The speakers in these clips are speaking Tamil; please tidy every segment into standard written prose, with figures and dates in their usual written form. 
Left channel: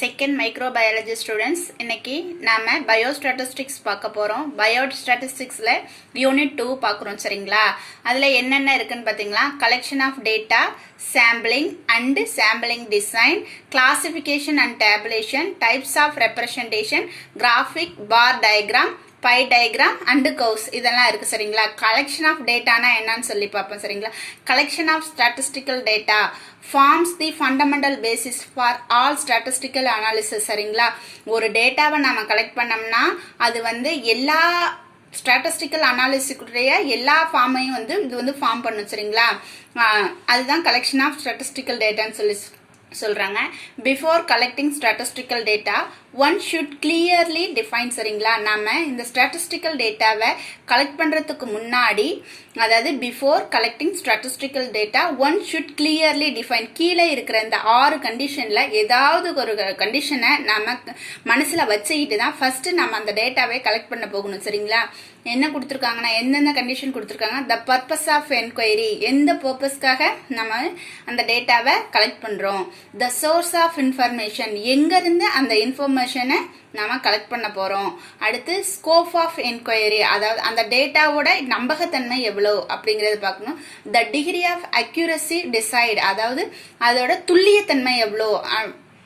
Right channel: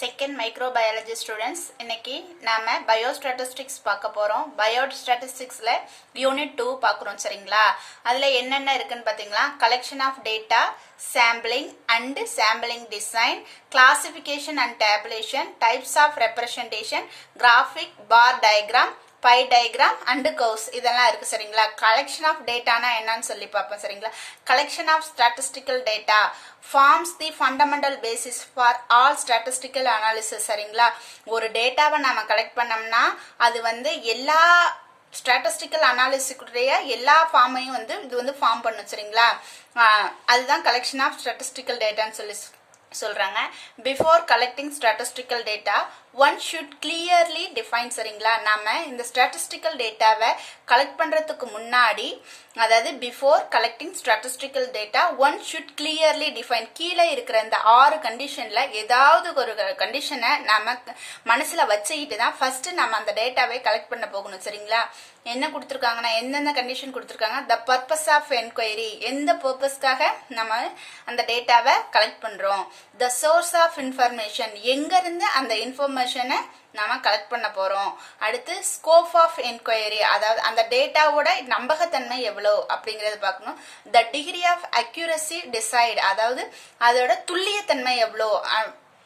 செகண்ட் மைக்ரோபயாலஜி ஸ்டூடெண்ட்ஸ் இன்னைக்கு நாம பயோஸ்டாட்டிஸ்டிக்ஸ் பார்க்க போறோம். பயோஸ்டாட்டிஸ்டிக்ஸ்ல யூனிட் 2 பார்க்குறோம். சரிங்களா? அதுல என்னென்ன இருக்குன்னு பாத்தீங்களா? Collection of data, sampling and sampling design, classification and tabulation, types of representation, graphic, bar diagram, by diagram and curves இதெல்லாம் இருக்கு. சரிங்களா? கலெக்ஷன் ஆஃப் டேட்டானா என்னன்னு சொல்லி பார்ப்போம். சரிங்களா? Collection of statistical data forms the fundamental basis for all statistical analysis. சரிங்களா? ஒரு டேட்டாவை நாம கலெக்ட் பண்ணோம்னா அது வந்து எல்லா ஸ்டாட்டிஸ்டிக்கல் அனாலிசிஸுடைய எல்லா ஃபார்மையும் இது ஃபார்ம் பண்ணும். சரிங்களா? அதுதான் கலெக்ஷன் ஆஃப் ஸ்டாட்டிஸ்டிக்கல் டேட்டான்னு சொல்லி சொல்றாங்க. Before collecting statistical data one should clearly define. சரிங்களா? நாம இந்த ஸ்டாட்டிஸ்டிக்கல் டேட்டாவை கலெக்ட் பண்றதுக்கு முன்னாடி, அதாவது before collecting statistical data one should clearly define. கீழே இருக்கிற இந்த 6 கண்டிஷன்ல ஏதாவது ஒரு கண்டிஷனை நாம மனசுல வச்சுக்கிட்டு தான் ஃபர்ஸ்ட் நம்ம அந்த டேட்டாவை கலெக்ட் பண்ண போகணும். சரிங்களா? என்ன கொடுத்துருக்காங்கன்னா, எந்தெந்த கண்டிஷன் கொடுத்துருக்காங்க? த பர்பஸ் ஆஃப் என்கொயரி, எந்த பர்பஸ்க்காக நம்ம அந்த டேட்டாவை கலெக்ட் பண்றோம். த சோர்ஸ் ஆஃப் இன்ஃபர்மேஷன், எங்க இருந்து அந்த இன்ஃபர்மேஷனை நாம கலெக்ட் பண்ண போறோம். அடுத்து ஸ்கோப் ஆஃப் என்கொயரி, அதாவது அந்த டேட்டாவோட நம்பகத்தன்மை எவ்வளோ அப்படிங்கறது பார்க்கணும். The degree of accuracy decide, அதாவது அதோட துல்லியத்தன்மை எவ்வளோ,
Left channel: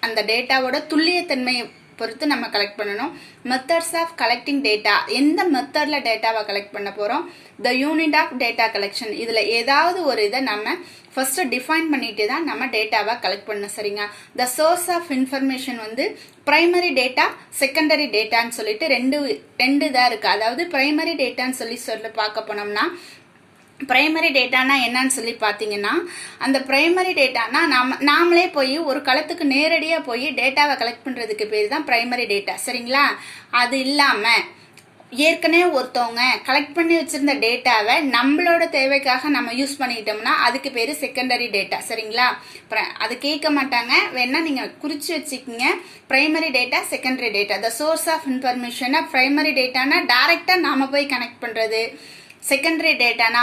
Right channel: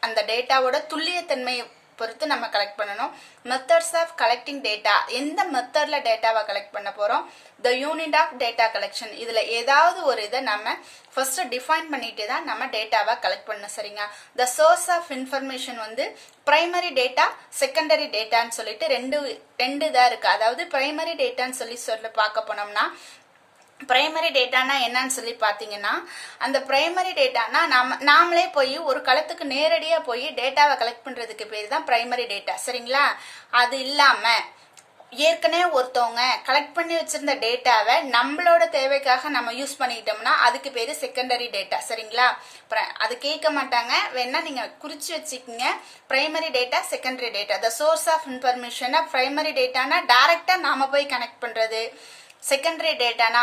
அந்த டேட்டாவோட துல்லியத்தன்மை பொறுத்து நம்ம கலெக்ட் பண்ணணும். மெத்தட்ஸ் ஆஃப் கலெக்டிங் டேட்டா, எந்த மெத்தட்ல டேட்டாவை கலெக்ட் பண்ண போறோம். The unit of data collection, இதுல ஏதாவது ஒரு இதை நம்ம ஃபர்ஸ்ட் டிஃபைன் பண்ணிட்டு தான் நம்ம டேட்டாவை கலெக்ட் பண்ணணும். சரிங்க? The source of information primary data, secondary டேட்டான்னு சொல்லிட்டு ரெண்டு தான் இருக்கு. அதாவது பிரைமரி டேட்டான்னு சொல்லி பார்க்க போனோம்னா, பிரைமரி டேட்டானா என்னன்னு சொல்லி பாத்தீங்கன்னா, அந்த பிரைமரி டேட்டானா நாமளே போய் ஒரு களத்துக்கு நேரடியா போய் டேட்டாவை கலெக்ட் பண்றதுக்கு பேர் தான் பிரைமரி டேட்டா. சரிங்களா? அது இல்லாம ஏற்கனவே ஒருத்தவங்க கலெக்ட் பண்ணி வச்சிருந்த டேட்டாவை நம்மளோட தேவைக்காக நம்ம யூஸ் பண்ணிக்கிட்டோம்னா அதுக்கு பேரு செகண்டரி டேட்டா. சரிங்களா? அது கேட்க மாட்டாங்க, வேணா நீங்க குறிச்சு வச்சுக்கீங்க. Primary data, secondary data. The source of information, primary டேட்டானா டைரக்டா நாம போய் கனெக்ட் பண்றது. செகண்டரி டேட்டானா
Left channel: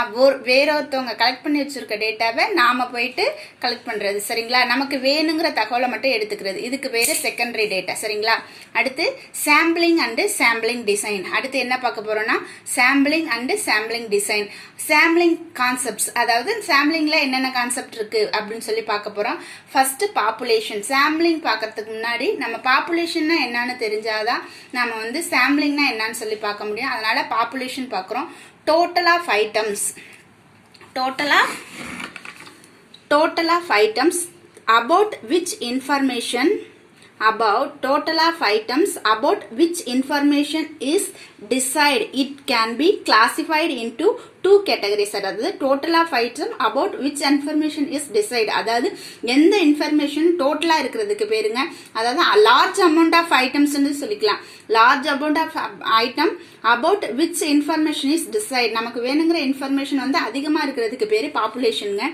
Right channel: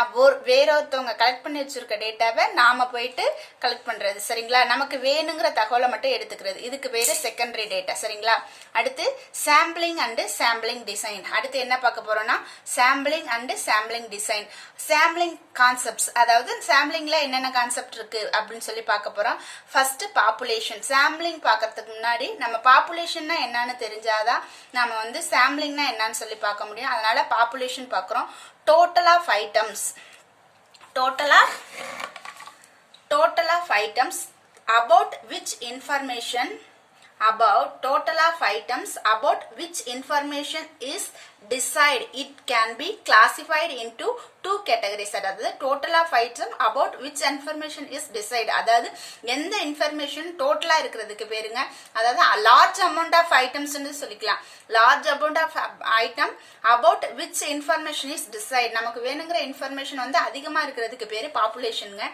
வேற ஒருத்தவங்க கலெக்ட் பண்ணி வச்சிருக்க டேட்டாவை நாம போயிட்டு கலெக்ட் பண்றது. சரிங்களா? நமக்கு வேணுங்கிற தகவலை மட்டும் எடுத்துக்கிறது. இதுக்கு பேரு செகண்டரி டேட்டா. சரிங்களா? அடுத்து சாம்பிளிங் அண்ட் சாம்பிளிங் டிசைன். அடுத்து என்ன பார்க்க போறோம்னா, sampling and sampling design. Sampling concepts, அதாவது சாம்பிளிங்ல என்னென்ன கான்செப்ட் இருக்கு அப்படின்னு சொல்லி பார்க்க போறோம். First population. சாம்பிளிங் பார்க்கறதுக்கு முன்னாடி நம்ம பாப்புலேஷன்னா என்னன்னு தெரிஞ்சாதான் நம்ம சாம்பிளிங்னா என்னன்னு சொல்லி பார்க்க முடியும். அதனால பாப்புலேஷன் பார்க்கிறோம். Total of items about which information is decided. It can be classified into 2 categories. அதாவது total of item about which information is decided, அதாவது எந்த இன்ஃபர்மேஷன் டோட்டலா இருக்கிறதுக்கு பேருங்க. அதாவது large amount of items சொல்லிக்கலாம். large amount of item about which information is decided, நமக்கு வேணுங்கிற இன்ஃபர்மேஷன் அதிகமா இருக்கிறதுக்கு பேரு பாப்புலேஷனுங்க.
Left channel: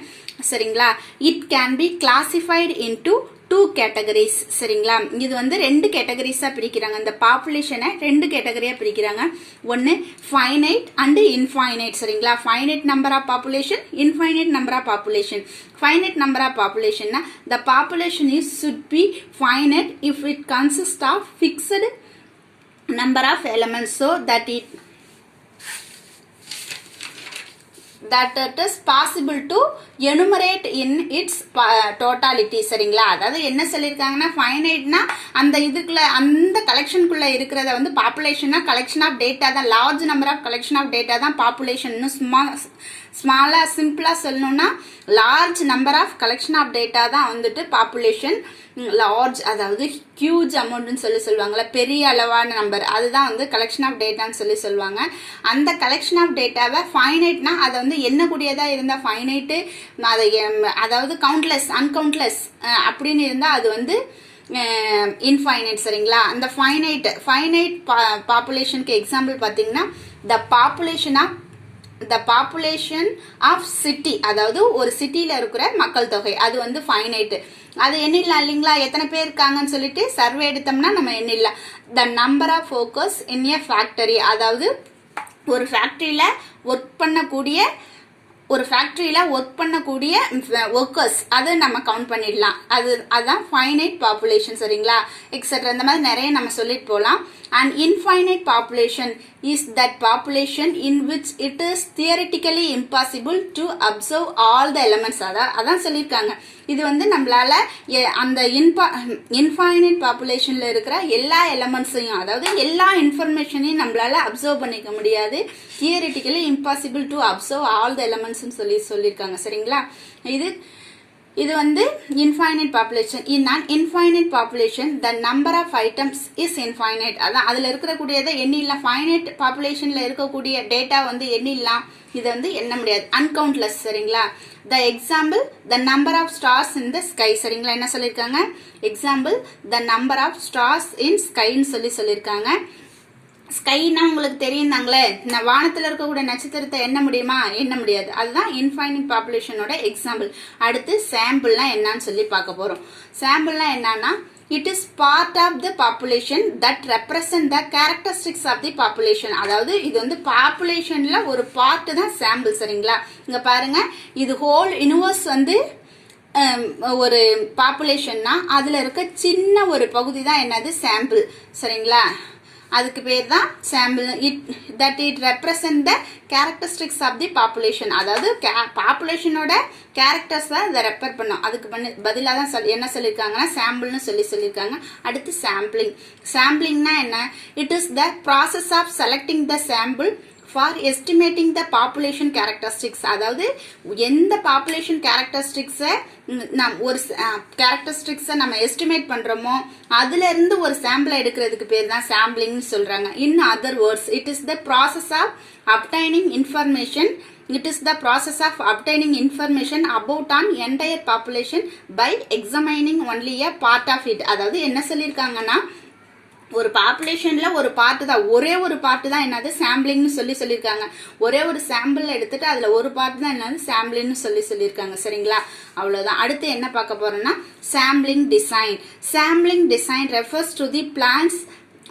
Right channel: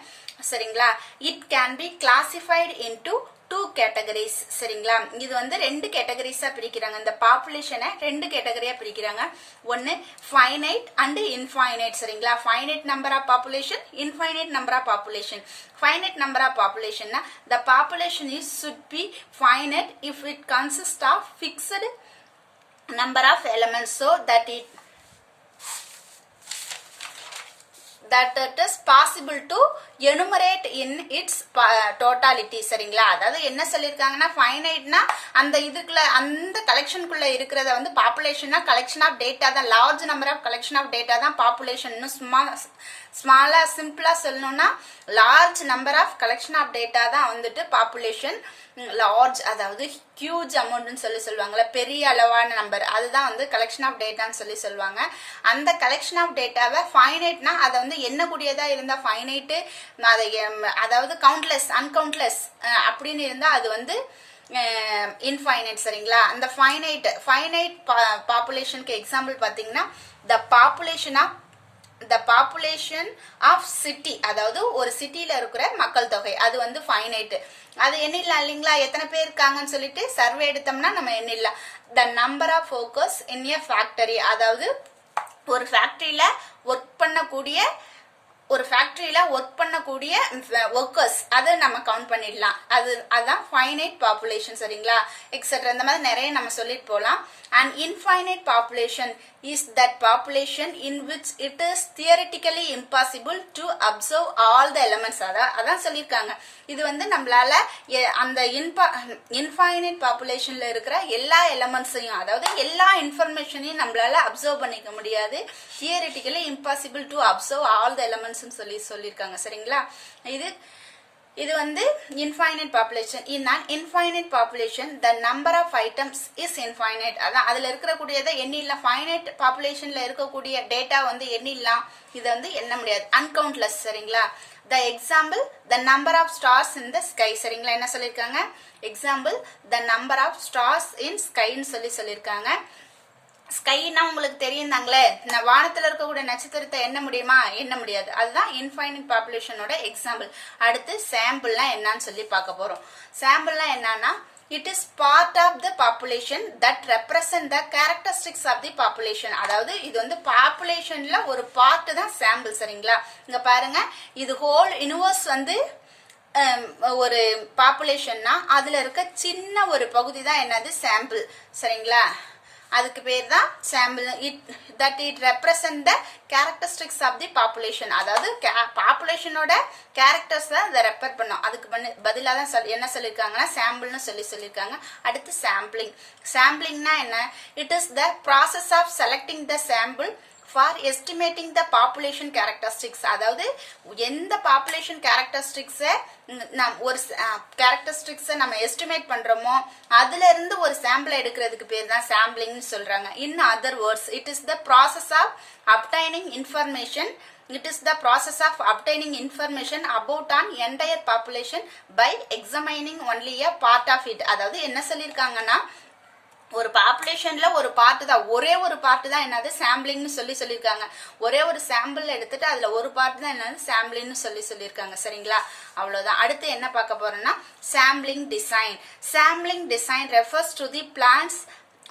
சரிங்களா? it can be classified into 2 categories. சரிங்களா? இது 2 கேட்டகரிஸா பிரிக்கிறாங்க. இந்த பாப்புலேஷனை 2 கேட்டகரியா பிரிக்கிறாங்க. ஒன்னு ஃபைனைட் அண்ட் இன்ஃபைனைட். சரிங்களா? Finite number of population, infinite number of population. Finite number of பாப்புலேஷன்னா the population should be finite if it consists of fixed number of elements so that it is possible to enumerate in its totality. சரிங்களா? அதாவது என்ன சொல்லிருக்காங்கன்னா, ஃபைனைட்னா அந்த இதுக்குள்ள, அந்த கலெக்ஷனுக்குள்ள இருக்கிறத பாப்புலேஷன்னா கலெக்ஷன் ஆஃப் டேட்டா தான். Large number of collection of data தான் பாப்புலேஷன். ஸ்மாலா சிம்பிளா சொல்லணும்னா large number of collection of data தான் பாப்புலேஷன். லார்ஜ் அதாவது ஹியூஜ் அமௌண்ட்னு சொல்லுவாங்கல்ல, பெரிய அளவான நம்பர், அதுதான் கலெக்ஷன் ஆஃப் டேட்டான்னு சொல்லுவாங்க. அந்த கலெக்ஷன் ஆஃப் டேட்டாவை ஃபைனைட்னா அதை எண்ணக்கூடியதா இருந்தா ஃபைனைட், அதாவது கவுண்ட்லெஸ், அன்கவுண்ட்லெஸ் அப்படின்னு இருந்தா அது இன்ஃபைனைட். சரிங்களா? அந்த ஃபைனைட் பாப்புலேஷனுக்கு எக்ஸாம்பிள் பாத்தீங்கன்னா, the population of city, அதாவது ஒரு சிட்டில இருக்கிற மக்கள் தொகை, அது ஃபைனைட். அது எண்ணிடலாம் இல்லைங்களா? எத்தனை பேர் இருக்காங்கன்னு சொல்லிட்டு சர்வே எடுத்தோம்னா நம்ம எண்ணிடலாம். The number of workers in a factory, அதாவது ஒரு ஃபேக்டரியில ஒர்க் பண்ணக்கூடிய ஒரு ஃபேக்டரியில ஒர்க் பண்ணக்கூடிய ஒர்க்கர்ஸ் அதை நம்ம கவுண்ட் பண்ணிடலாம். அதுதான் ஃபைனைட் பாப்புலேஷன் சரிங்களா. எக்ஸெட்ரா இந்த மாதிரி நிறைய நம்ம சொல்லிட்டு போகலாம். And infinite population is that population in which it is theoretically impossible to observe all the elements. அதான் சொல்லியிருக்காங்க. இது வந்து நம்மளால அந்த இன்ஃபைனைட் பாப்புலேஷன்ல இருக்கிற எல்லா எலமெண்ட்ஸையும், அதாவது எல்லா இன்ஃபர்மேஷனையும் நம்மளால அப்சர்வ் பண்ணிக்க முடியாது. Theoretically impossible to observe all the elements சொல்லியிருக்காங்க சரிங்களா. இது வந்து infinite population. In an infinite population the number of items is infinite. அதான் அதுல இருக்கக்கூடியதை எண்ணிடலாம். ஃபைனைட் பாப்புலேஷன்ல இருக்கக்கூடிய டேட்டா வந்து எண்ணிடலாம். இதை வந்து எண்ண முடியாது, அன்கவுண்ட்லெஸ் சரிங்களா. the example the number of stars in the sky சரிங்களா. என்ன சொல்லியிருக்காங்க? Example the number of stars in skyன்னு சொல்லியிருக்காங்க. ஸ்கைனா உங்களுக்கு தெரியும் தாங்களே, வானத்துல இருக்கக்கூடிய நட்சத்திரத்தை எண்ண முடியுமா? எண்ண முடியாது. அதுதான் இன்ஃபைனைட் பாப்புலேஷனோட எக்ஸாம்பிள். அடுத்து சாம்பிள்லாம் என்னன்னு சொல்லி பார்க்க போறோம். சாம்பிள்லாம் என்னன்னா, it is part of the population that represent the characteristics of the population. அதாவது இது வந்து பாப்புலேஷன்ல ஒரு பார்ட் தான் சாம்பிள் சரிங்களா. இங்க பாருங்க, இது ஹோல் யூனிவர்ஸ் வந்து ஒரு பாப்புலேஷன்னா அதுல இருக்க சின்ன ஒரு பகுதி தான் என்னது சாம்பிள் சரிங்களா. அதுக்கு பேர் தான் sample. It represent the characteristics of the population. அதாவது பாப்புலேஷனோட கேரக்டர்ஸ் தான் இதை ரெப்பர் பண்ணும். அதுக்கு பதிலாக தான் என்ன சொல்லியிருக்காங்கன்னா சாம்பிள்னு சொல்லியிருக்காங்க. அடுத்து சாம்பிளிங். சாம்பிளிங்னா என்ன? It is the process of selecting the sample for estimating the population characteristics. அதாவது எந்த பாப்புலேஷன் கேரக்டரிஸ்டிக்ஸை ஒரு கேரக்டரிஸ்டிக்ஸை நம்ம எஸ்டிமேட் பண்றோமோ அதுல இருந்து ஒரு சாம்பிளை எடுக்கிறதுக்கு பேர் தான் சாம்பிளிங்னு சொல்றாங்க. In other words, it is the process of obtaining information. It is the process of obtaining information about an entire population by examining only a part of it. அதாவது என்ன சொல்லியிருக்காங்கன்னா, ஒரு பாப்புலேஷன்ல ஒரு பார்ட் தான், ஒரே ஒரு பார்ட் தான் என்னது சாம்பிளிங்னு சொல்லியிருக்காங்க. ஒரே ஒரு சாம்பிள் எடுத்துட்டு அதுல ஒரு பார்ட் தான் என்னது சாம்பிளிங்னு சொல்லியிருக்காங்க சரிங்களா. அவ்வளவுதான். அடுத்து என்ன பார்க்க போறோம்னா sampling design. Sampling design refers to the plans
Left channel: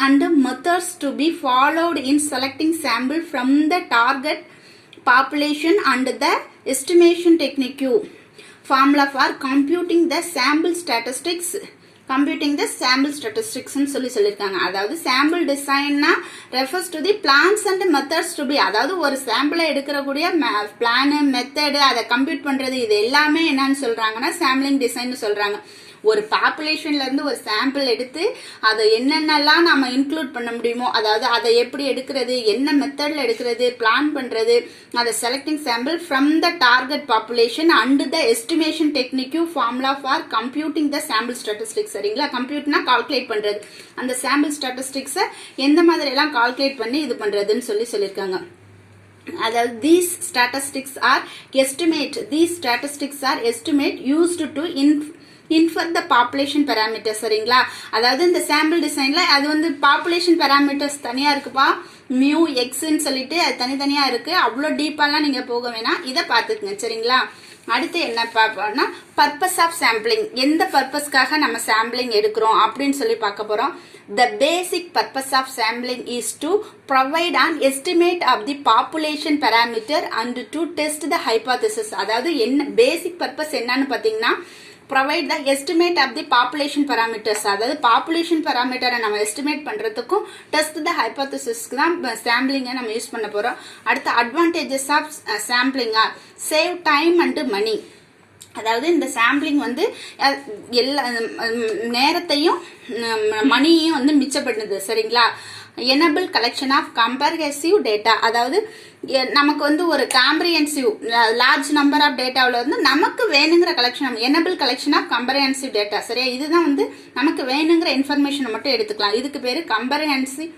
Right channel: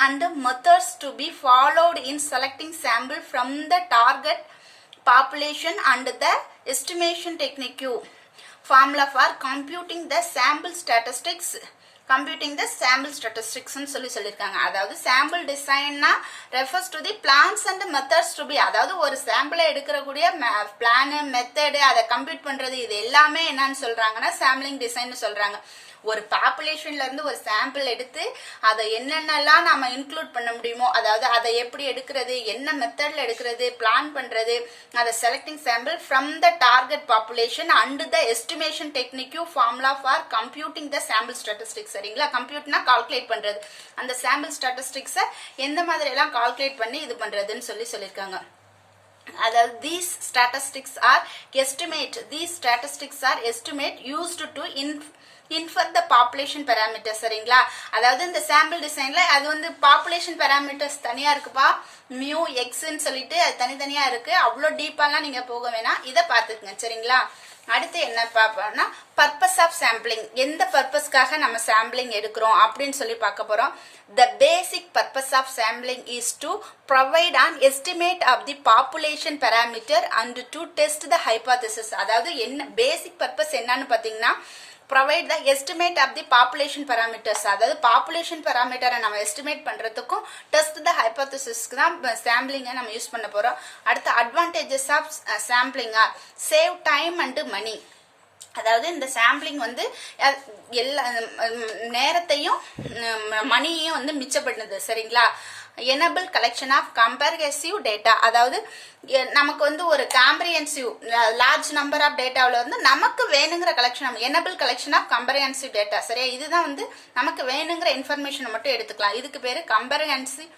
and methods to be followed in selecting sample from the target population and the estimation technique. Formula for computing the sample statistics. Computing the sample ஸ்டாட்டிஸ்டிக்ஸ்னு சொல்லியிருக்காங்க. அதாவது சாம்பிள் டிசைன்னா refers to the plans and methods to be. அதாவது ஒரு சாம்பிளை எடுக்கக்கூடிய பிளானு மெத்தடு அதை கம்ப்யூட் பண்றது இது எல்லாமே என்னன்னு சொல்றாங்கன்னா சாம்பிளிங் டிசைன் சொல்றாங்க. ஒரு பாப்புலேஷன்ல இருந்து ஒரு சாம்பிள் எடுத்து அதை என்னென்னலாம் நம்ம இன்க்ளூட் பண்ண முடியுமோ, அதாவது அதை எப்படி எடுக்கிறது, என்ன மெத்தட்ல எடுக்கிறது, பிளான் பண்றது, அதை selecting sample from the target population and the estimation technique formula for computing the sample statistics சரிங்களா. கம்ப்யூட்னா கால்குலேட் பண்றது. அந்த சாம்பிள் ஸ்டாட்டிஸ்டிக்ஸை எந்த மாதிரி எல்லாம் கால்குலேட் பண்ணி இது பண்றதுன்னு சொல்லியிருக்காங்க. அதாவது these statistics are estimate used to infer the population parameters சரிங்களா. அதாவது இந்த சாம்பிள் டிசைன்ல அது வந்து பாப்புலேஷன் parameters தனியா இருக்குப்பா, மியூ எக்ஸ்ன்னு சொல்லிட்டு அது தனித்தனியா இருக்கு. அவ்வளோ டீப்பாலாம் நீங்க போக வேணாம், இதை பார்த்துக்குங்க சரிங்களா. அடுத்து என்ன பார்ப்போம்னா பர்பஸ் ஆஃப் சாம்பிளிங். எந்த பர்பஸ்க்காக நம்ம சாம்பிளிங் எடுக்கிறோம் அப்படின்னு சொல்லி பார்க்க போறோம். The basic purpose of sampling is to provide an estimate of the population parameter and to test the hypothesis. அதாவது என்ன பேசிக் பர்பஸ் என்னன்னு பாத்தீங்கன்னா provide the estimate of the population parameters. அதாவது பாப்புலேஷன் பராமீட்டரை நம்ம எஸ்டிமேட் பண்றதுக்கும் டெஸ்ட் த ஹைபோதசிஸ்க்கு தான் சாம்பிளிங்கை நம்ம யூஸ் பண்ண போறோம். அடுத்த advantages of sampling are save time and money. அதாவது இந்த சாம்பிளிங் வந்து எல்லா நேரத்தையும் மணியையும் வந்து மிச்சப்படுது சரிங்களா. Enable collection of comprehensive data. அதாவது நமக்கு வந்து ஒரு காம்ப்ரிஹென்சிவ் லார்ஜ் நம்பர் ஆஃப் டேட்டாவில் வந்து நமக்கு வேணுங்கிற collection, enable collection of comprehensive data சரியா. இதுதான் வந்து நமக்கு வேணுங்கிற இன்ஃபர்மேஷனை மட்டும் எடுத்துக்கலாம். இதுக்கு பேரு comprehensive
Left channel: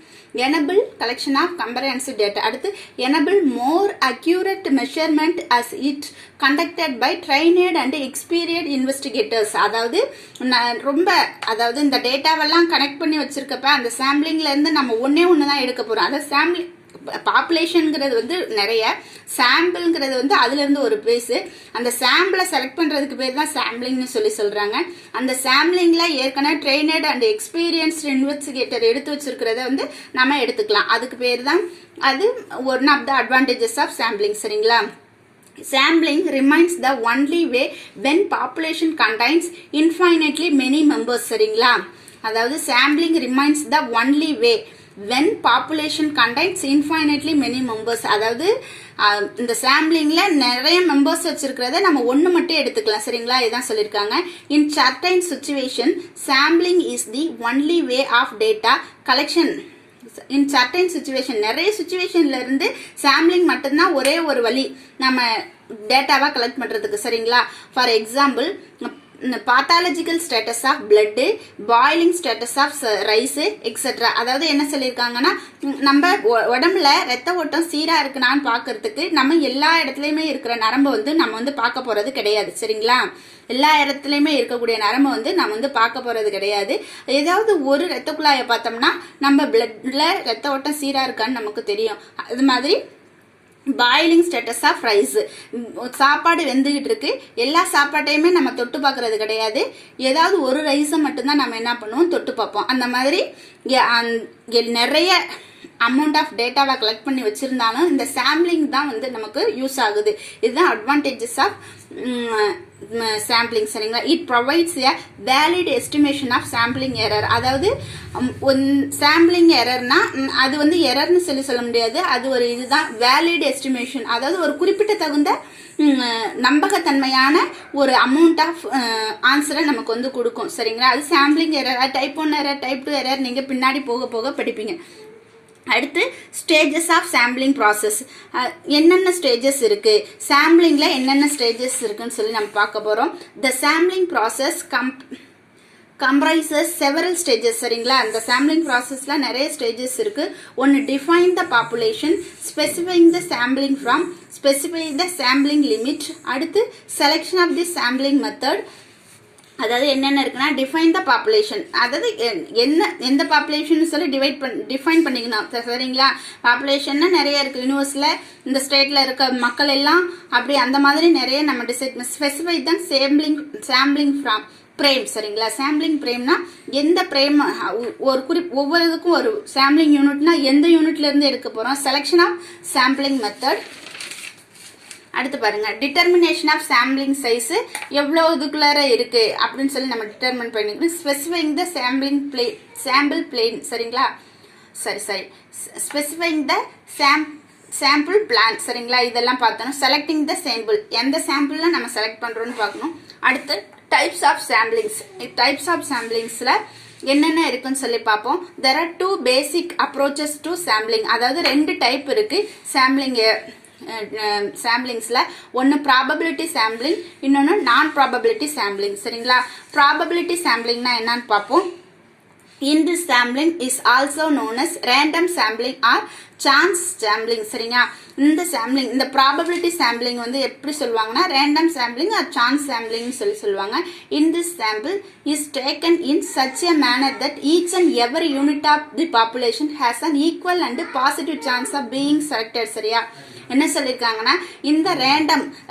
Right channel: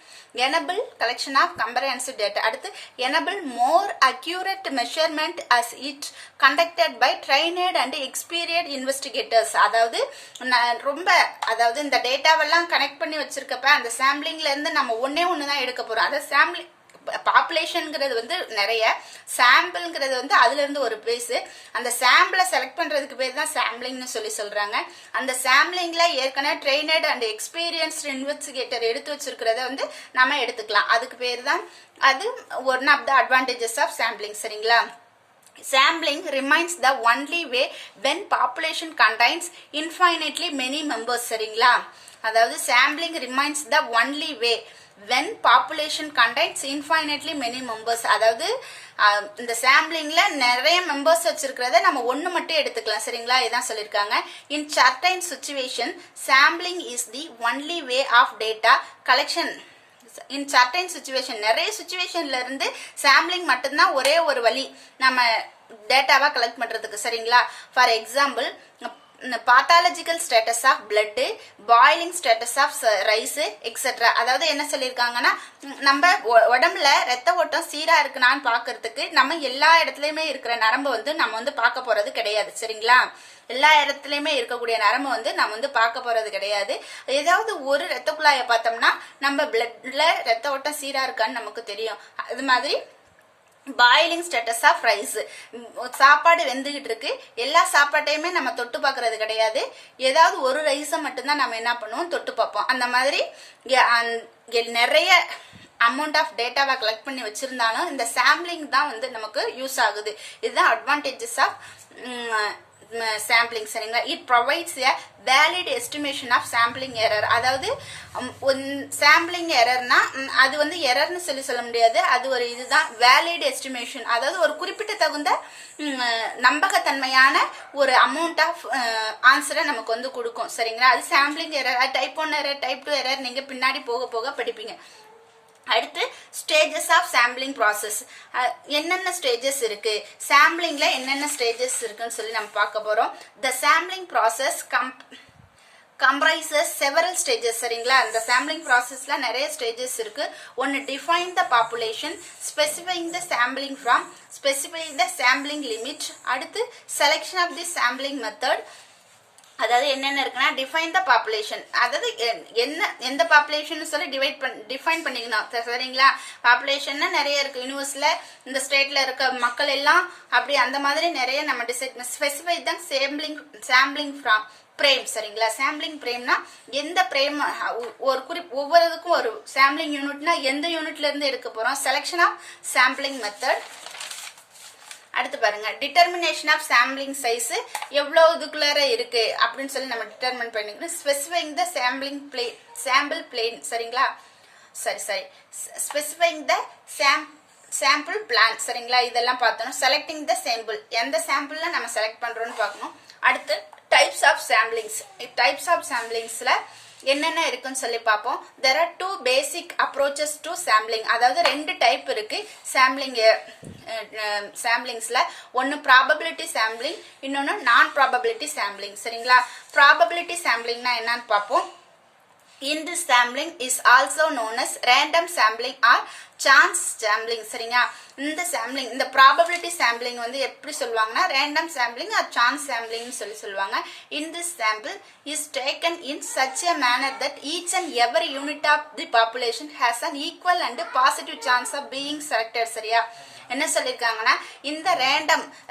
enable collection of comprehensive data. அடுத்து enable more accurate measurement as it conducted by trained and experienced investigators. அதாவது அதாவது இந்த டேட்டாவெல்லாம் கனெக்ட் பண்ணி வச்சிருக்கப்ப அந்த சாம்பிளிங்ல இருந்து நம்ம ஒன்னே ஒண்ணுதான் எடுக்க போறோம். அதாவது சாம்பிளிங் பாப்புலேஷன்ங்கிறது வந்து நிறைய, சாம்பிள்ங்கிறது வந்து அதுல இருந்து ஒரு பேஸ். அந்த சாம்பிளை செலக்ட் பண்றதுக்கு பேர் தான் சாம்பிளிங்னு சொல்றாங்க. அந்த சாம்பிளிங்ல ஏற்கனவே ட்ரெயினட் அண்ட் எக்ஸ்பீரியன்ஸ்ட் இன்வெஸ்டிகேட்டர் எடுத்து வச்சிருக்கிறத வந்து நம்ம எடுத்துக்கலாம். அதுக்கு பேர் தான் அது one of the advantages of sampling சரிங்களா. sampling remains the only way when population contains infinitely many members சரிங்களா அதாவது sampling remains the only way when population contains infinitely many members அதாவது இந்த சாம்பிளிங்ல நிறைய மெம்பர்ஸ் வச்சிருக்கிறத நம்ம ஒண்ணு மட்டும் எடுத்துக்கலாம் சரிங்களா இதான் சொல்லிருக்காங்க in certain situation sampling is the only way of data collection in certain situation நிறைய சிச்சுவேஷன்ல இருந்து சாம்பிளிங் மட்டும்தான் ஒரே ஒரு வழி நம்ம டேட்டாவா கலெக்ட் பண்றதுக்கு சரிங்களா for example pathological status of blood boiling status of rice etc அதாவது என்ன சொல்லிருக்காங்கன்னா நம்ம உடம்புல ரத்த ஓட்டம் சீரா இருக்குனான்னு பாக்குறதுக்கு நம்ம எல்லா இடத்துலயுமே இருக்கிற நரம்பு வந்து நம்ம வந்து பார்க்க போறது கிடையாது சரிங்களா எல்லா இடத்துலயுமே இருக்கக்கூடிய நரம்பு வந்து நம்ம வந்து பார்க்க போறது கிடையாது ஏதாவது ஒரு ரத்த குழாயை பார்த்தோம்னா நம்ம பிளட்ல ரத்த ஓட்டம் சீரா இருக்கான்னு நமக்கு தெரியும் அது மாதிரி பாயிலிங் ஸ்டேட்டஸ் ஆஃப் ரைஸ் சாப்பாடு வெந்துகிட்டு இருக்கு எல்லா சாப்பாட்டையுமே நம்ம தொட்டு பாக்குறது கிடையாது ஏதாவது ஒரு ரைஸை மட்டும்தான் நம்ம என்ன பண்ணுவோம் தொட்டு பார்ப்போம் அந்த மாதிரி நிறைய அமௌண்ட் ஆஃப் டேட்டாவை கலெக்ட் பண்ணி வச்சிருந்தாலும் இந்த சாம்பிளிங் தான் வந்து நமக்கு யூஸ் ஆகுது இதுதான் அட்வான்டேஜஸ் ஆஃப் sampling சரிங்களா it provides a valid estimation of sampling error அதாவது சாம்பிளிங் எரர்னா அது வந்து எரர்னு சொல்ல முடியாது அது ஒரு இதுதான் வேலிட் எஸ்டிமேஷன் அதாவது ஒரு குறிப்பிட்ட தகுந்த நம்பகத்தன்மையான ஒரு அமௌண்ட் ஆஃப் ஆன்சரை நமக்கு வந்து கொடுக்கும் சரிங்களா அது sampling error type 1 error type 2 error நீங்க பின்னாடி போக போக படிப்பீங்க அடுத்து ஸ்டேஜஸ் ஆஃப் சாம்பிளிங் ப்ராசஸ் என்னென்ன ஸ்டேஜஸ் இருக்கு சாம்பிளிங்ல என்னென்ன ஸ்டேஜஸ் இருக்குன்னு சொல்லி நம்ம பார்க்க போறோம் the sampling process comprises several stages சரிங்களா அந்த sampling processல நிறைய stages இருக்கு ஒன்னு define the population specifying the sampling from specifying the sampling limit அடுத்து selection of the sampling method அதாவது என்னென்ன இருக்குன்னா டிஃபைன் த பாப்புலேஷன் அதாவது என்ன எந்த பாப்புலேஷன் சொல்லி டிஃபைன் பண்ணிக்கணும் சரிங்களா பாப்புலேஷன்னா நிறைய இருக்கு யூனிவர்ஸ்ல இந்த ஸ்டேட்ல இருக்க மக்கள் எல்லாம் அப்படி அந்த மாதிரி நிறைய நம்ம டிசைட் ஸ்பெசிஃபை தான் சாம்பிளிங் ஃப்ரம் பிரேம் சரிங்களா சாம்பிளிங் பிரேம்னா எந்த பிரேம் ஒரு ஒவ்வொரு இதுக்கும் ஒரு சாம்பிளிங் யூனிட்னா எந்த யூனிட்ல இருந்து எடுக்க போறோம் செலக்ஷன் ஆஃப் சாம்பிளிங் மெத்தட் அடுத்து பாருங்க டிட்டர்மினேஷன் ஆஃப் சாம்பிளிங் சைஸ் எவ்வளவு இதுக்குள்ளார இருக்கு அப்படின்னு சொல்லி நம்ம டிட்டர்மின் பண்ணிக்கணும் ஸ்பெசிஃபைங் த சாம்பிள் பிளேன் சரிங்களா சரி ஸ்பெசிஃபைங் த சாம்பிள் பிளான் சரிங்களா இதெல்லாம் பார்த்தோம் செலக்டிங் த சாம்பிள் எந்த சாம்பிள்ல நம்ம செலக்ட் பண்றோம்னு பார்க்கணும் அடுத்து டைப்ஸ் ஆஃப் சாம்பிளிங்ஸ்ல என்னென்ன இருக்குன்னு சொல்லி பார்ப்போம் there are two basic approaches to sampling அதாவது ரெண்டு டைப் இருக்கு சாம்பிளிங்ஸ்ல ஒன்னு ப்ராபபிலிட்டி சாம்பிளிங் இன்னொன்னு நான் ப்ராபபிலிட்டி சாம்பிளிங் சரிங்களா ப்ராபபிலிட்டி சாம்பிளிங்னா என்னன்னு பார்ப்போம் in this sampling is also known as random sampling or chance sampling சரிங்களா இந்த sampling இந்த probability sampling வந்து எப்படி சொல்வாங்கன்னா random sampling or chance sampling சொல்லி சொல்வாங்க in this sample is taken in such a manner that each and every unit of the population has an equal and positive chance of being selected சரியா என்ன சொல்லிருக்காங்கன்னா இந்த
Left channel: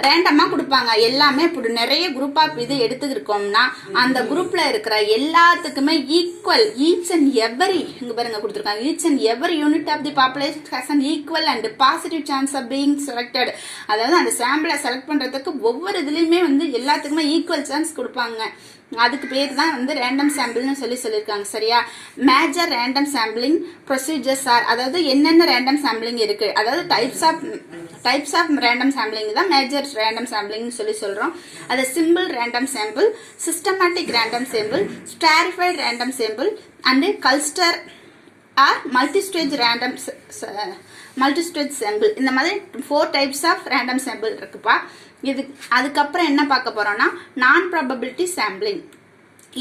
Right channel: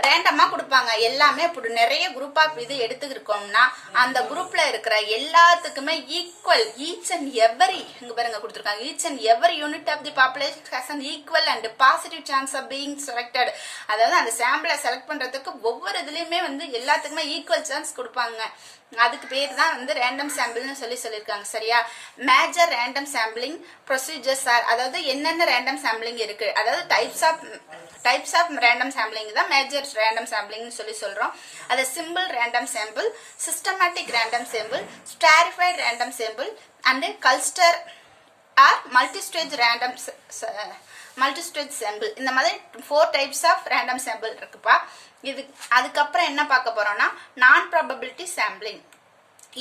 ரேண்டமா கொடுப்பாங்க எல்லாமே இப்படி நிறைய குரூப் ஆஃப் இது எடுத்துக்கிட்டோம்னா அந்த குரூப்ல இருக்கிற எல்லாத்துக்குமே ஈக்குவல் ஈச் அண்ட் எவரி இங்க பாருங்க கொடுத்திருக்காங்க each and every unit of the population has an equal and positive chance of being selected அதாவது அந்த சாம்பிளை செலக்ட் பண்றதுக்கு ஒவ்வொரு இதுலயுமே வந்து எல்லாத்துக்குமே ஈக்குவல் சான்ஸ் கொடுப்பாங்க அதுக்கு பேர் தான் வந்து ரேண்டம் சாம்பிள்னு சொல்லியிருக்காங்க சரியா major random sampling procedures are அதாவது என்னென்ன ரேண்டம் சாம்பிளிங் இருக்கு அதாவது டைப்ஸ் ஆஃப் ரேண்டம் சாம்பிளிங் தான் மேஜர் ரேண்டம் சாம்பிளிங் சொல்றோம் அது simple random sample systematic random sample stratified random sample and cluster or multistage sample இந்த மாதிரி 4 டைப்ஸ் ஆஃப் ரேண்டம் சாம்பிள் இருக்குப்பா இது அதுக்கப்புறம் என்ன பார்க்க போறோம்னா நான் probability sampling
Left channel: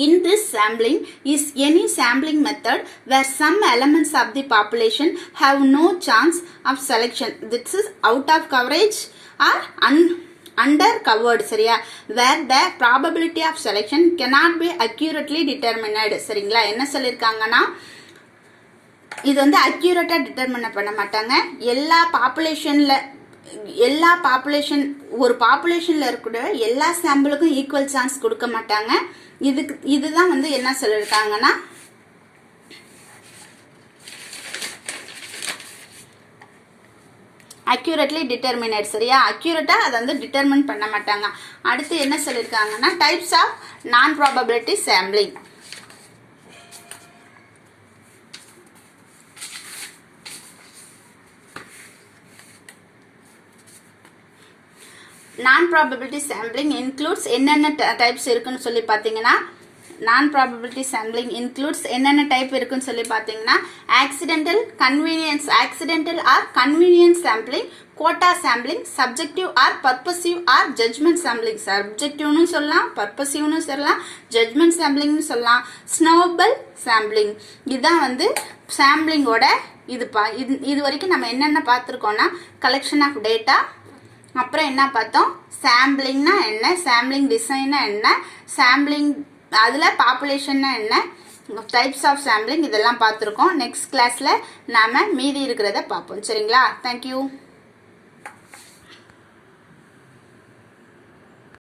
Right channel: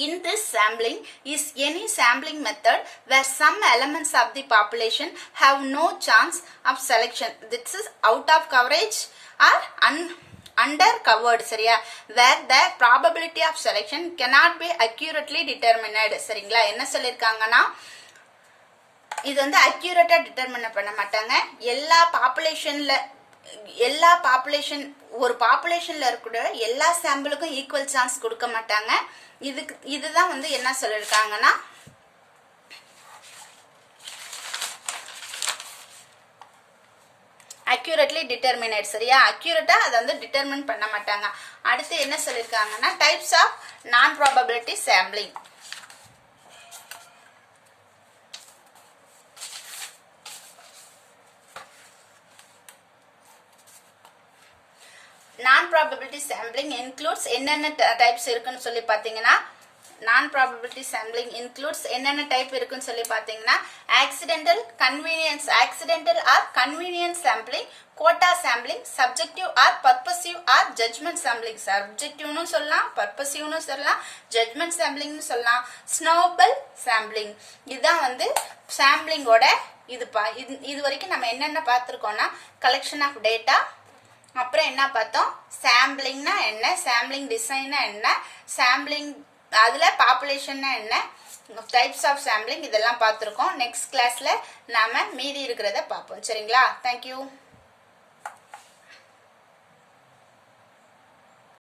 in this sampling is any sampling method where some elements of the population have no chance of selection this is out of coverage or under covered சரியா where the probability of selection cannot be accurately determined சரிங்களா என்ன சொல்லிருக்காங்கன்னா இது வந்து அக்யூரேட்டா டிட்டர்மின் பண்ண மாட்டாங்க எல்லா பாப்புலேஷன் ஒரு பாப்புலேஷன்ல இருக்கிற எல்லா சாம்பிளுக்கும் ஈக்குவல் சான்ஸ் கொடுக்க மாட்டாங்க இதுதான் வந்து என்ன சொல்லிருக்காங்கன்னா அக்யூரேட்லி டிட்டர்மினேட். சரியா, அக்யூரேட்டா அதை வந்து டிட்டர்மின் பண்ண மாட்டாங்க. அடுத்து என்ன சொல்லியிருக்காங்கன்னா types of non probability sampling. Non probability sampling includes என்னென்ன டைப்ஸ் இருக்குன்னு சொல்லி பார்த்தீங்கன்னா நான் ப்ராபபிலிட்டி சாம்பிளிங் இன்க்ளூட்ஸ் என்னென்ன டைப் இருக்குன்னு சொல்லி பார்த்தீங்கன்னா accidental or convenience sampling, quota sampling, subjective or purposive or judgment sampling. சப்ஜெக்டிவ்னு சொல்லலாம், பர்பசிவ்னு சொல்லலாம், ஜட்மெண்ட் சாம்பிளிங்னு சொல்லலாம், ஸ்னோபல் சாம்பிளிங். இதுதான் வந்து சாம்பிளிங்கோட இது வரைக்கும் நம்ம என்னென்ன பார்த்துருக்கோம்னா கலெக்ஷன் ஆஃப் டேட்டா, அப்புறம் என்ன பார்த்தோம், சாம்பிளிங்னா என்ன, சாம்பிளிங் டிசைன்னா என்ன, சாம்பிளிங் அதில் பாப்புலேஷன்னா என்ன, டைப்ஸ் ஆஃப் சாம்பிளிங் இதெல்லாம் பார்த்துருக்கோம். நெக்ஸ்ட் கிளாஸில் நாம் மீதி இருக்கிறத பார்ப்போம். சரிங்களா, தேங்க்யூ.